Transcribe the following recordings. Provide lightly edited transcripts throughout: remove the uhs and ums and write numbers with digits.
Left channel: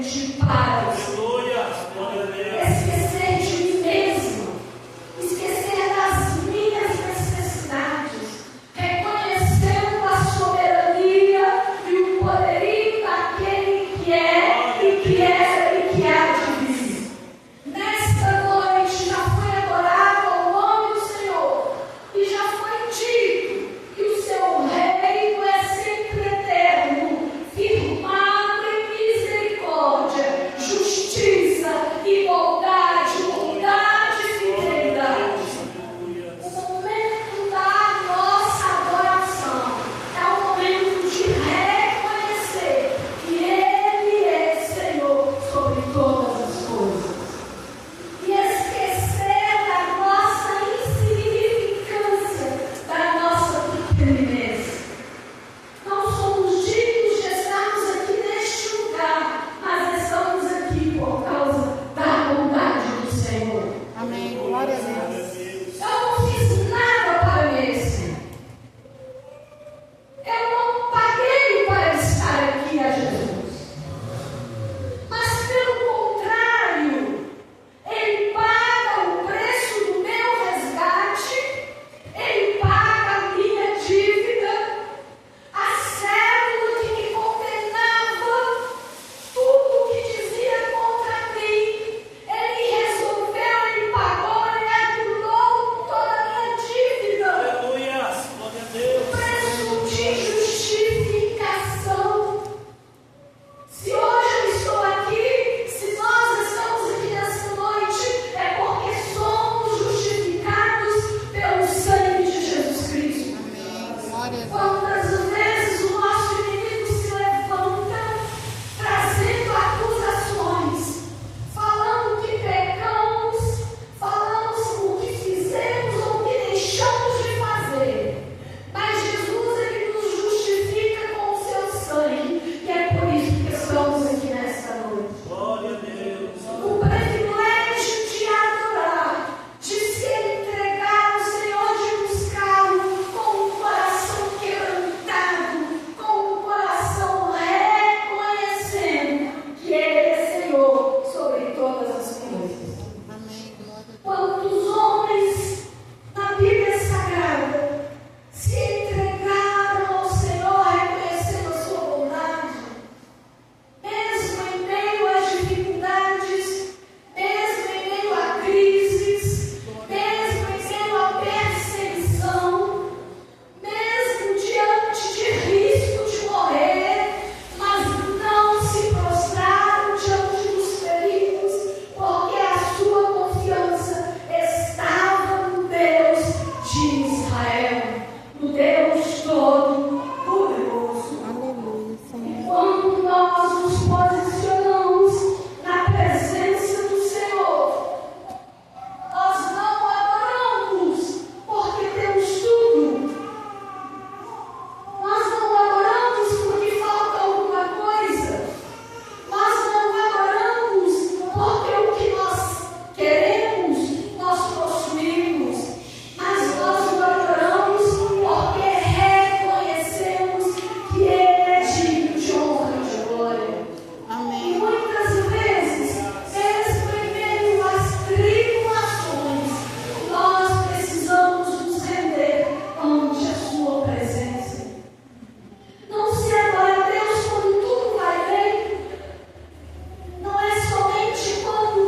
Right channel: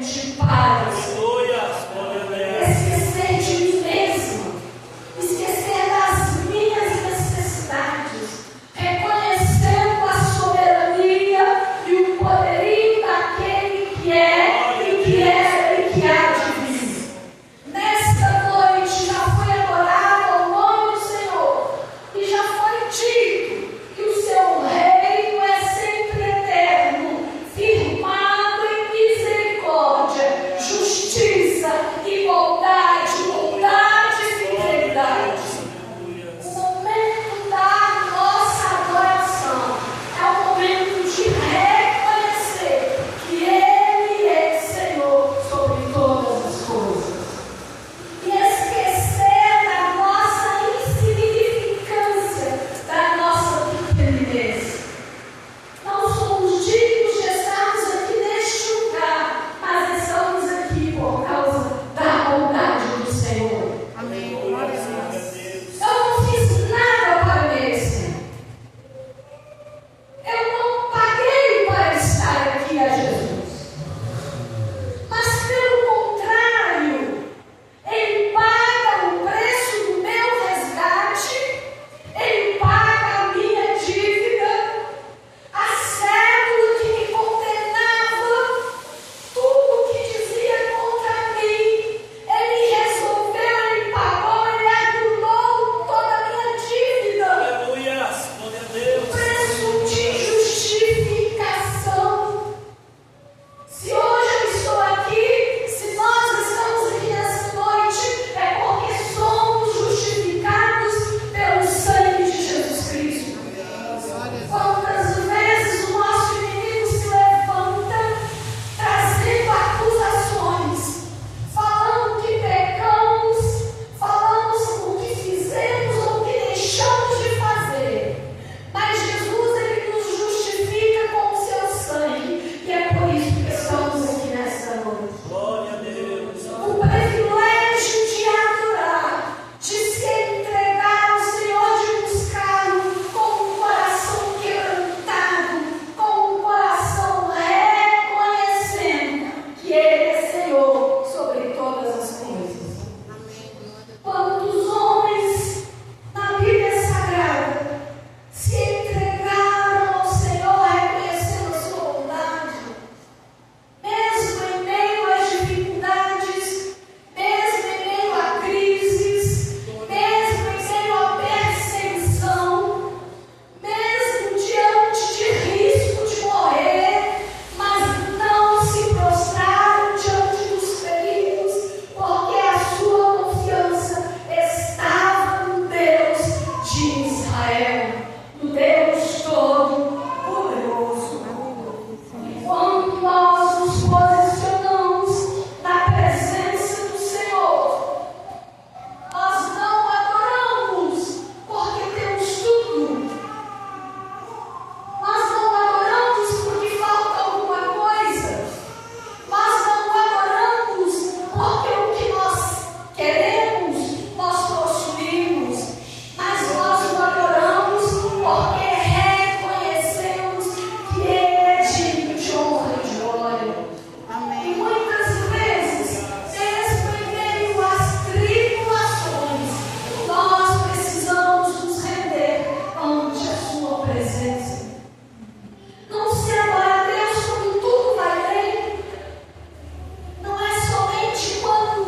somente para o Senhor. Esquecer de mim mesmo, esquecer das minhas necessidades, reconhecendo a soberania e o poderio daquele que é e que era e que há de vir. Nesta noite já foi adorado ao nome do Senhor e já foi dito que o seu reino é sempre eterno, firmado em misericórdia, justiça e bondade, bondade e fidelidade. O momento da nossa adoração é o momento de reconhecer que Ele é Senhor sobre todas as coisas. E esquecer da nossa insignificância, da nossa pequenez. Não somos dignos de estarmos aqui neste lugar, mas estamos aqui por causa da bondade do Senhor. Amém. Glória a Deus. Eu não fiz nada para merecer. Eu não paguei para estar aqui a Jesus. Mas pelo contrário, Ele paga o preço do meu resgate, Ele paga a minha dívida, a cédula que me condenava, tudo que dizia contra mim. Ele resolveu, Ele pagou, Ele anulou toda a minha dívida. Preço de justificação. Se hoje eu estou aqui, se nós estamos aqui nessa noite, é porque somos justificados pelo sangue de Jesus Cristo. Quantas vezes o nosso inimigo se levanta, trazendo acusações, falando que pecamos, falando o que fizemos ou o que deixamos de fazer. Mas Jesus, Ele nos justifica com o seu sangue, e é por isso que estamos aqui nesta noite. O privilégio de adorar, de se entregar ao Senhor, de buscá-lo com um coração quebrantado, com um coração reconhecendo que Ele é Senhor sobre todas as coisas. Quantos homens na Bíblia Sagrada se entregaram ao Senhor reconhecendo a sua bondade, mesmo em meio às dificuldades, mesmo em meio a crises, mesmo em meio à perseguição, mesmo diante de risco de morrer, mas não se prostraram diante dos perigos, porque a sua confiança estava no Deus de Israel, no Deus Todo-Poderoso. E quando nós nos posicionamos na presença do Senhor, nós não adoramos porque temos tudo. Nós não adoramos porque falta alguma coisa. Nós não adoramos porque o que nós queremos, nós possuímos. Mas nós o adoramos porque reconhecemos que Ele é digno de honra e de glória. E Amém. muitas vezes, mesmo em meio às tribulações, nós precisamos nos render ante a sua presença. Não se adora a Deus quando tudo vai bem. Não é somente quando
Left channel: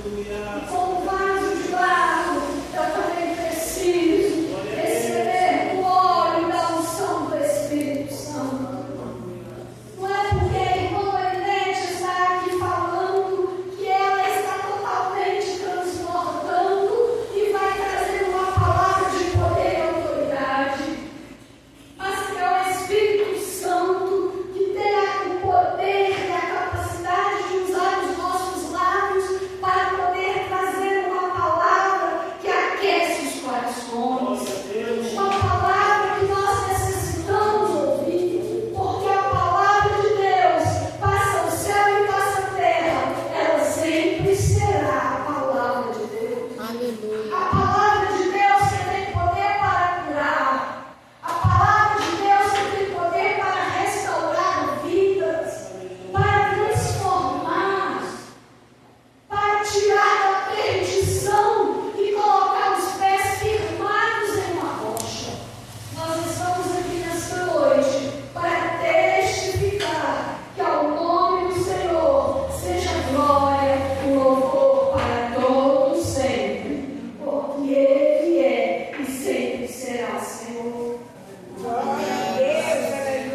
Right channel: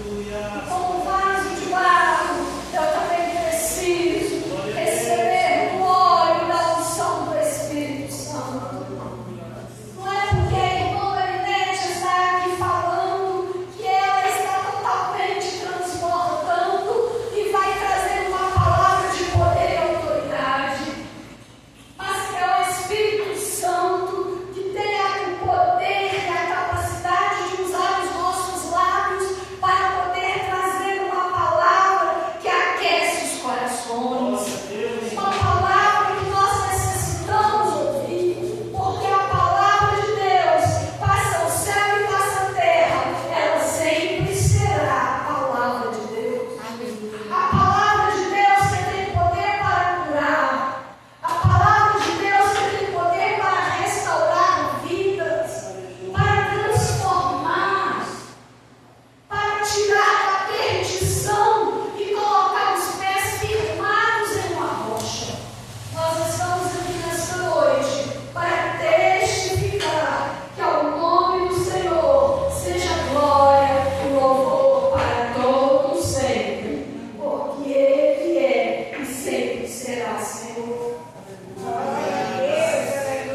E como vaso de barro, eu também preciso receber o óleo da unção do Espírito Santo. Não é porque a irmã Marinete está aqui falando que ela está totalmente transbordando e vai trazendo uma palavra de poder e autoridade. Mas que é o Espírito Santo que tem o poder e a capacidade de usar os nossos lábios para poder trazer uma palavra que aquece os corações. Uma palavra que nós necessitamos ouvir, porque a palavra de Deus passa o céu e passa a terra, ela sempre será a palavra de Deus. A palavra de Deus que tem poder para curar, a palavra de Deus que tem poder para restaurar vidas, para transformar, para tirar a perdição e colocar os pés firmados em uma rocha. Nós estamos aqui nesta noite para testificar que ao nome do Senhor seja glória e louvor para todos sempre, porque Ele é e sempre será Senhor.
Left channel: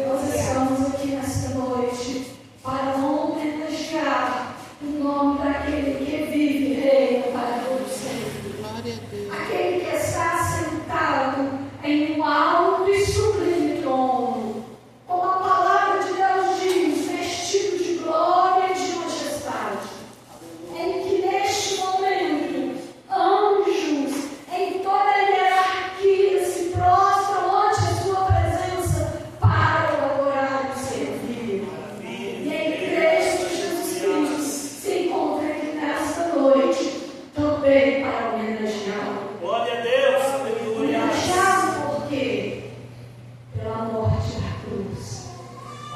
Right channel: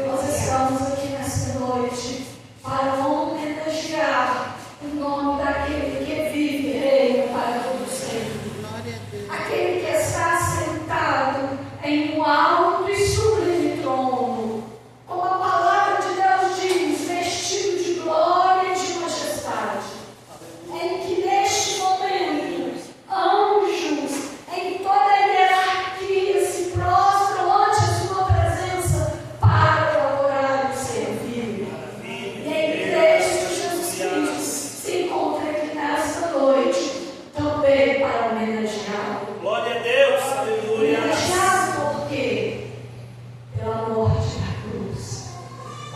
Nós estamos aqui nesta noite para homenagear o nome daquele que vive e reina para todos sempre. Aquele que está sentado em um alto e sublime trono, como a palavra de Deus diz, vestido de glória e de majestade, em que neste momento anjos em toda a hierarquia se prostram ante a sua presença para adorar e servir. E em Cristo Jesus Cristo se encontra aqui nesta noite também para homenageá-lo. Glória a Deus, aleluia. Homenageá-lo por quê? Pela morte da cruz.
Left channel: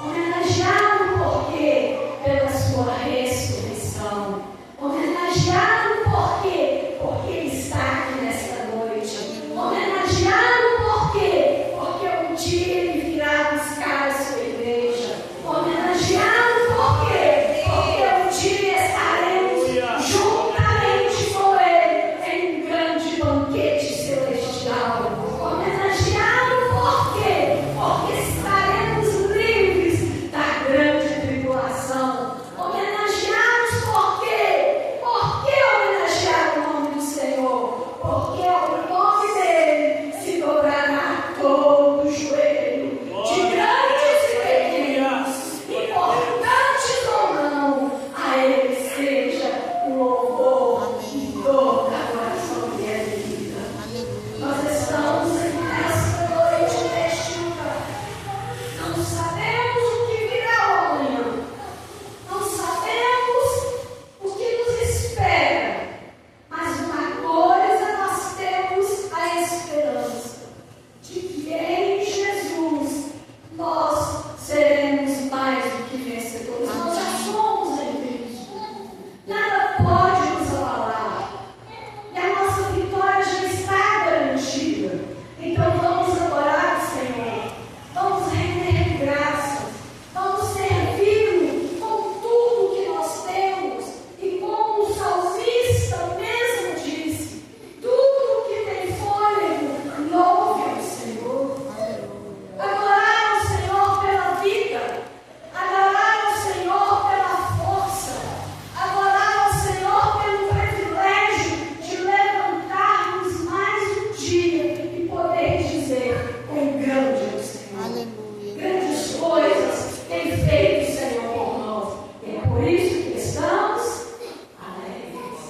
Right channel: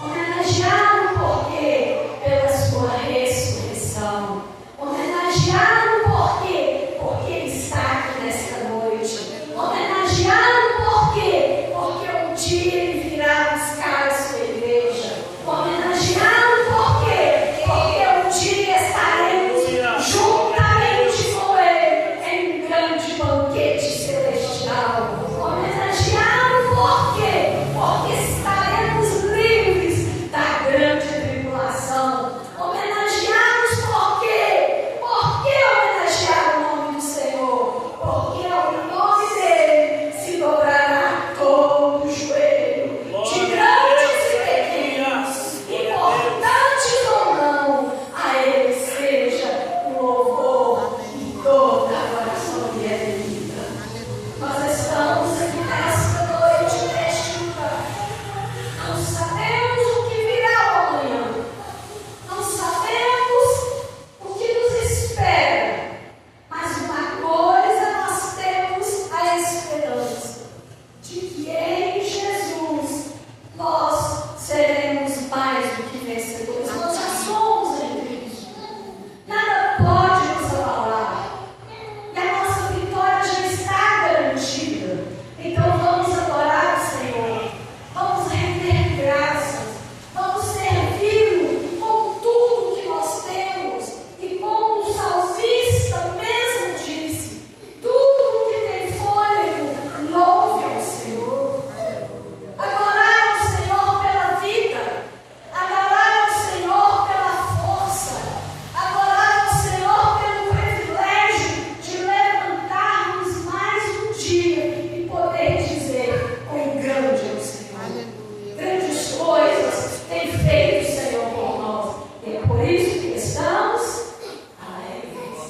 Homenageá-lo por quê? Pela sua ressurreição. Homenageá-lo por quê? Porque ele está aqui nesta noite. Homenageá-lo por quê? Porque um dia ele virá buscar a sua igreja. Homenageá-lo por quê? Porque um dia estaremos juntamente com ele em um grande banquete celestial. Homenageá-lo por quê? Porque estaremos livres da grande tribulação. Homenageá-los por quê? Por que homenagear o nome do Senhor? Porque o nome dele se dobrará todo o joelho, de grandes e pequenos, importantes ou não, a ele seja o louvor de toda a coração e a vida. Nós estamos aqui nesta noite testificando. Não sabemos o que virá amanhã. Não sabemos o que nos espera. Mas uma coisa nós temos a esperança: de que em Jesus nós seremos mais do que vencedores. Nós já somos em Cristo. Nada pode nos abalar. E a nossa vitória já está garantida. Então vamos adorar o Senhor. Vamos render graças. Vamos servi-lo com tudo que nós temos. E como o salmista mesmo disse: tudo que tem fôlego, louve ao Senhor. Adorar ao Senhor pela vida. Adorar ao Senhor pela força. Adorar ao Senhor pelo privilégio de levantarmos mais um dia e poder dizer: quão grande é o Senhor. Grandes coisas tem feito o Senhor por nós. E é por isso que estamos alegres.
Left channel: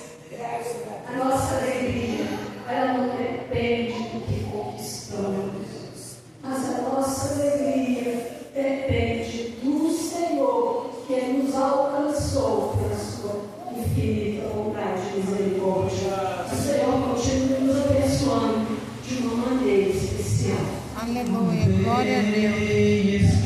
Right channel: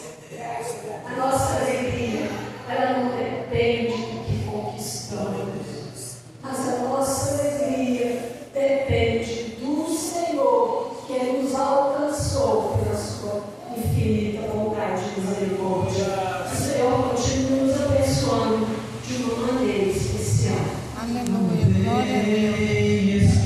A nossa alegria, ela não depende do que conquistamos, mas a nossa alegria depende do Senhor, que nos alcançou pela sua infinita bondade e misericórdia. O Senhor continue nos abençoando de uma maneira especial. Aleluia, glória a Deus.